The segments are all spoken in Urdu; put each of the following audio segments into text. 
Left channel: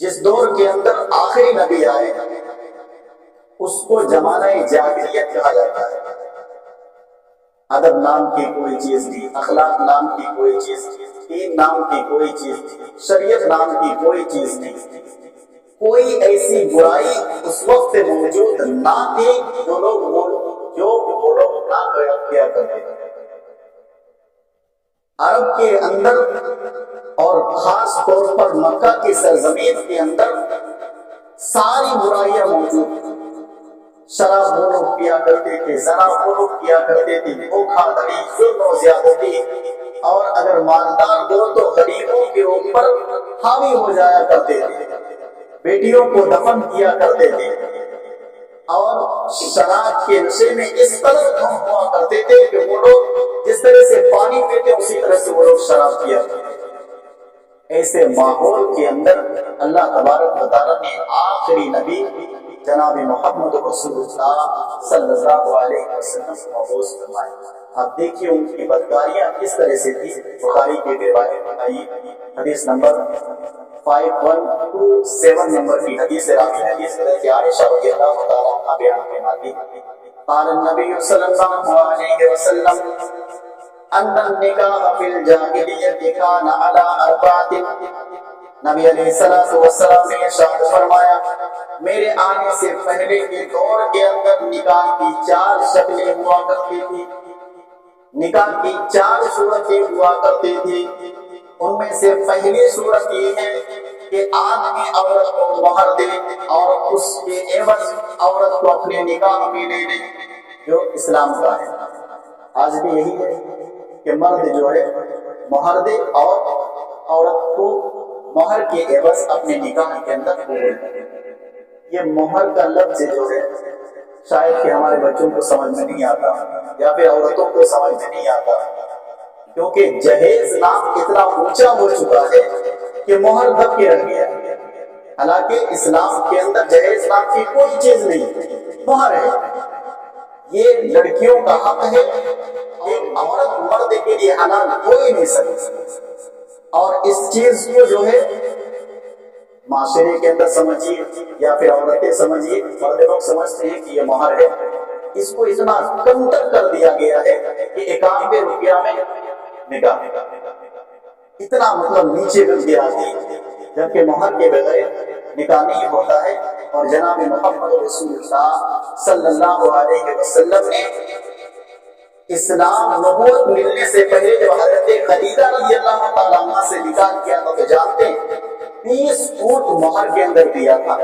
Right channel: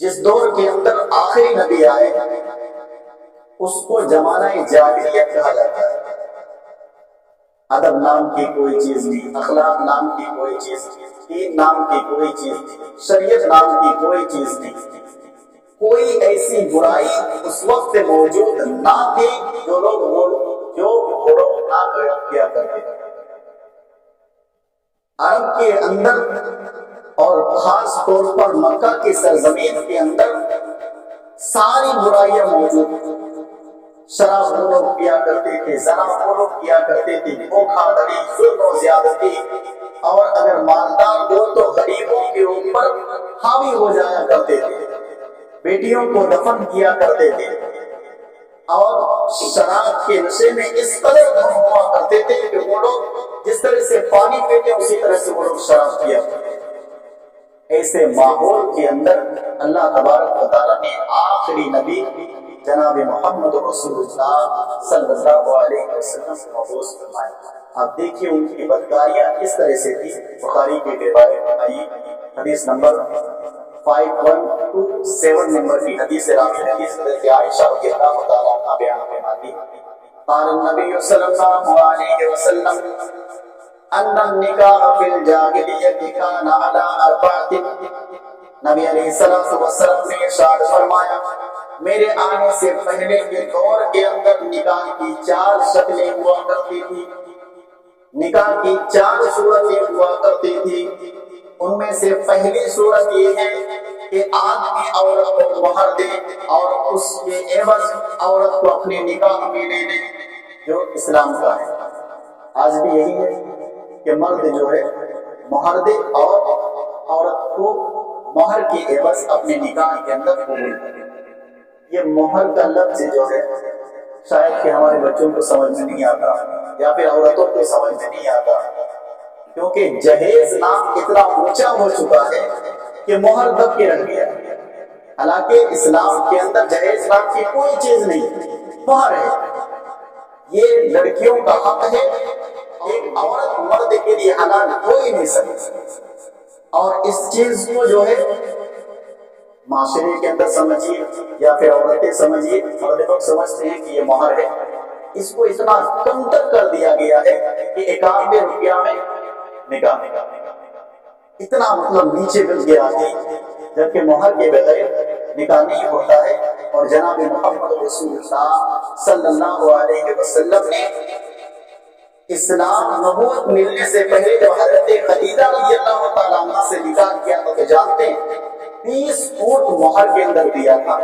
جس دور کے اندر آخری نبی آئے اس کو زمانہ جاہلیت کہا جاتا ہے۔ ادب نام کی کوئی چیز نہیں، اخلاق نام کی کوئی چیز نہیں، دین نام کی کوئی چیز نہیں، شریعت نام کی کوئی چیز نہیں۔ کوئی ایسی برائی اس وقت موجود نہ تھی جو وہ لوگ نہ کیا کرتے تھے۔ عرب کے اندر اور خاص طور پر مکہ کی سرزمین کے اندر ساری برائیاں موجود تھیں۔ شراب وہ لوگ پیا کرتے تھے، زنا وہ لوگ کیا کرتے تھے، دھوکہ دھڑی، ظلم و زیادتی، اور اگر مالدار ہو تو غریبوں کے اوپر حاوی ہو جایا کرتے تھے، بیٹیوں کو دفن کیا کرتے تھے، اور شراب کے نشے میں اس قدر دھن ہوا کرتے تھے کہ وہ لوگ جس طرح سے پانی پیتے اسی طرح سے وہ لوگ شراب پیا کرتے تھے۔ ایسے ماحول کے اندر اللہ تبارک و تعالیٰ نے آخری نبی جناب محمد رسول اللہ صلی اللہ علیہ وسلم کو مبعوث فرمایا۔ اب دیکھیے ان کی بدکاریاں کس طرح سے تھی۔ بخاری کی روایت آئی، حدیث نمبر 5127 نمبر کی حدیث راوی حدیث حضرت عائشہ رضی اللہ تعالیٰ عنہا بیان فرماتی قال النبی صلی اللہ علیہ وسلم ان النکاح فی الجاہلیۃ کان علی اربعۃ۔ نبی علیہ الصلوۃ والسلام نے ارشاد فرمایا میرے آنے سے پہلے کے دور کے اندر نکاح کی 4 شکلیں ہوا کرتی تھی، نکاح کی 4 صورتیں ہوا کرتی تھی۔ ان میں سے پہلی صورت یہ ہے کہ آدمی عورت کو مہر دے اور اس کے عوض عورت کو اپنے نکاح میں لے لے، جو اسلام کا ہے۔ آج بھی یہی ہے کہ مرد جو ہے مہر دے اور عورت کو مہر کے عوض اپنے نکاح کے اندر قبول کرے۔ یہ مہر کا لفظ جو ہے شاید کہ ہمارے بچوں کو سمجھ میں نہیں آتا یا پھر عورتوں کو سمجھ میں نہیں آتا، کیونکہ جہیز نام اتنا اونچا ہو چکا ہے کہ مہر دب کے رکھ گیا۔ حالانکہ اسلام کے اندر جہیز نام کی کوئی چیز نہیں، مہر ہے۔ یہ لڑکیوں کا حق ہے، ایک عورت مرد کے لیے حلال ہو ہی نہیں سکتی، اور اس چیز کو جو ہے معاشرے کے اندر سمجھیے یا پھر عورتیں سمجھیے، مرد لوگ سمجھتے ہیں کہ یہ مہر ہے، اس کو اتنا کمتر کر دیا گیا ہے کہ 91 روپیہ میں نکاح، اتنا مطلب نیچے گر گیا ہے، جبکہ مہر کے بغیر نکاح نہیں ہوتا ہے۔ اور جناب محمد رسول اللہ صلی اللہ علیہ وسلم نے اسلام نبوت ملنے سے پہلے جب حضرت خدیجہ رضی اللہ تعالیٰ عنہ سے نکاح کیا تو جانتے ہیں 20 اونٹ مہر کے اندر دیا تھا۔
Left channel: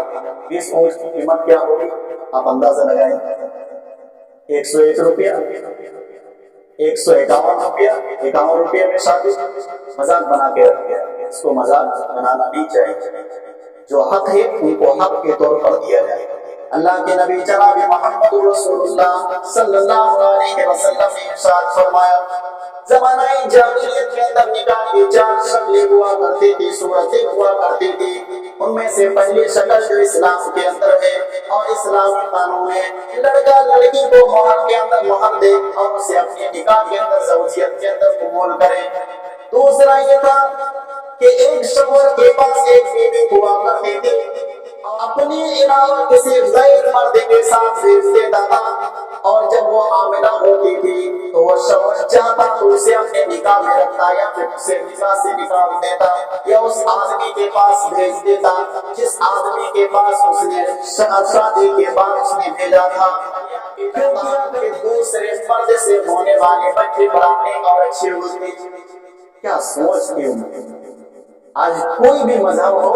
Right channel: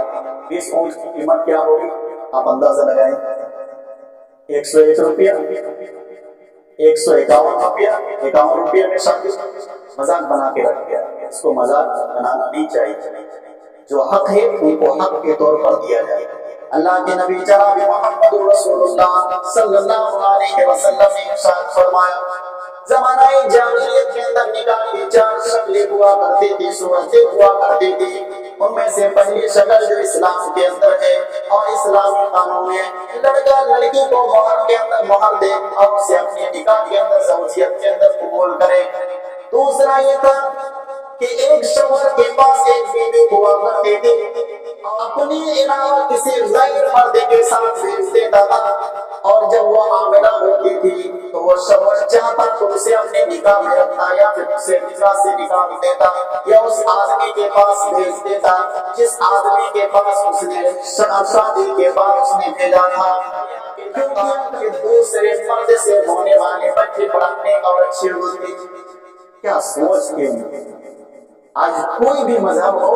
20 اونٹ کی قیمت کیا ہوگی آپ اندازہ لگائیں، 101 روپیہ، 151 روپیہ، 51 روپیہ میں شادی مذاق بنا کے رکھ گیا۔ اس کو مذاق بنانا نہیں چاہیے، جو حق ہے ان کو حق کے طور پر دیا جائے۔ اللہ کے نبی جناب محمد رسول اللہ صلی اللہ علیہ وسلم نے ارشاد فرمایا زمانہ جاہلیت کے اندر نکاح کی 4 شکلیں ہوا کرتی تھی، صورتیں ہوا کرتی تھی۔ ان میں سے پہلی شکل جو اسلام کے اندر ہے اور اسلامی قانون ہے، لڑکا لڑکی کو مہر کے اندر مہر دے اور اسے اپنے نکاح کے اندر زوجیت کے اندر قبول کرے۔ دوسرا یہ تھا کہ ایک شوہر کے پاس ایک بیوی ہوا کرتی تھی، اپنے علاوہ کسی غیر مرد کے ساتھ بھیج دیتا تھا، اور جب وہ حاملہ ہوتی تھی تو وہ شوہر چاہتا تو اسے اپنے نکاح میں رکھتا یا پھر اسے نکاح سے نکال دیتا یا اس آدمی کے پاس بھیج دیتا جس آدمی کے پاس اس نے شادی کے بعد اس نے بھیجا تھا، کیونکہ دوسرے مرد سے ہونے والے بچے بڑھانے اور اچھے ہوتے۔ کیا سوچتے ہیں؟ آج کوئی بھی مذہب ہو،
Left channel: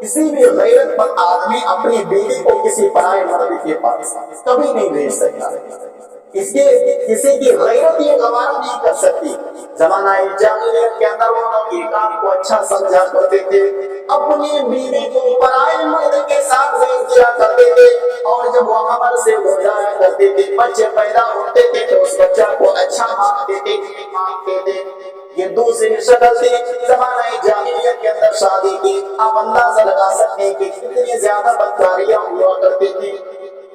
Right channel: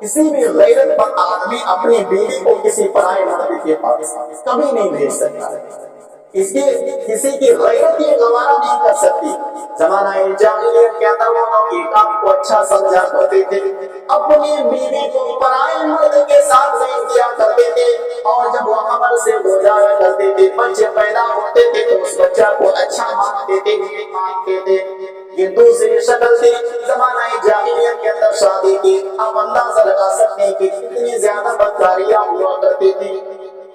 کسی بھی غیرت پر آدمی اپنی بیوی کو کسی پرائے مرد کے پاس کبھی نہیں بھیج سکتا، اس کے کسی کی غیرت یہ گوارا نہیں کر سکتی۔ زمانہ جاہلیت کے اندر وہ لوگ یہ کام کو اچھا سمجھا کرتے تھے، اپنی بیوی کو پرائے مرد کے ساتھ بھیج دیا کرتے تھے، اور جب وہ حمل سے ہو جایا کرتے تھے، بچے پیدا ہوتے تھے تو اس بچہ کو اچھا مانتے تھے۔ یہ دوسری شکل تھی زمانہ جاہلیت کے اندر شادی کی۔ آپ اندازہ لگا سکتے ہیں کہ کتنی زیادہ بدکاریاں ہوا کرتی تھی۔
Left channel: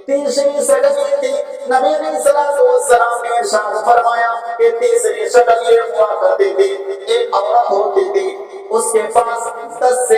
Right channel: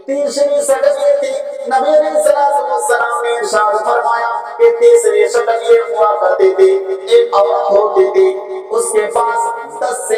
تیسری شکل یہ تھی، نبی علیہ الصلوۃ والسلام نے ارشاد فرمایا کہ تیسری شکل یہ ہوا کرتی تھی، ایک عورت ہوتی تھی، اس کے پاس 10 سے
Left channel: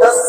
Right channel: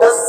10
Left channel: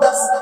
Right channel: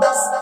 10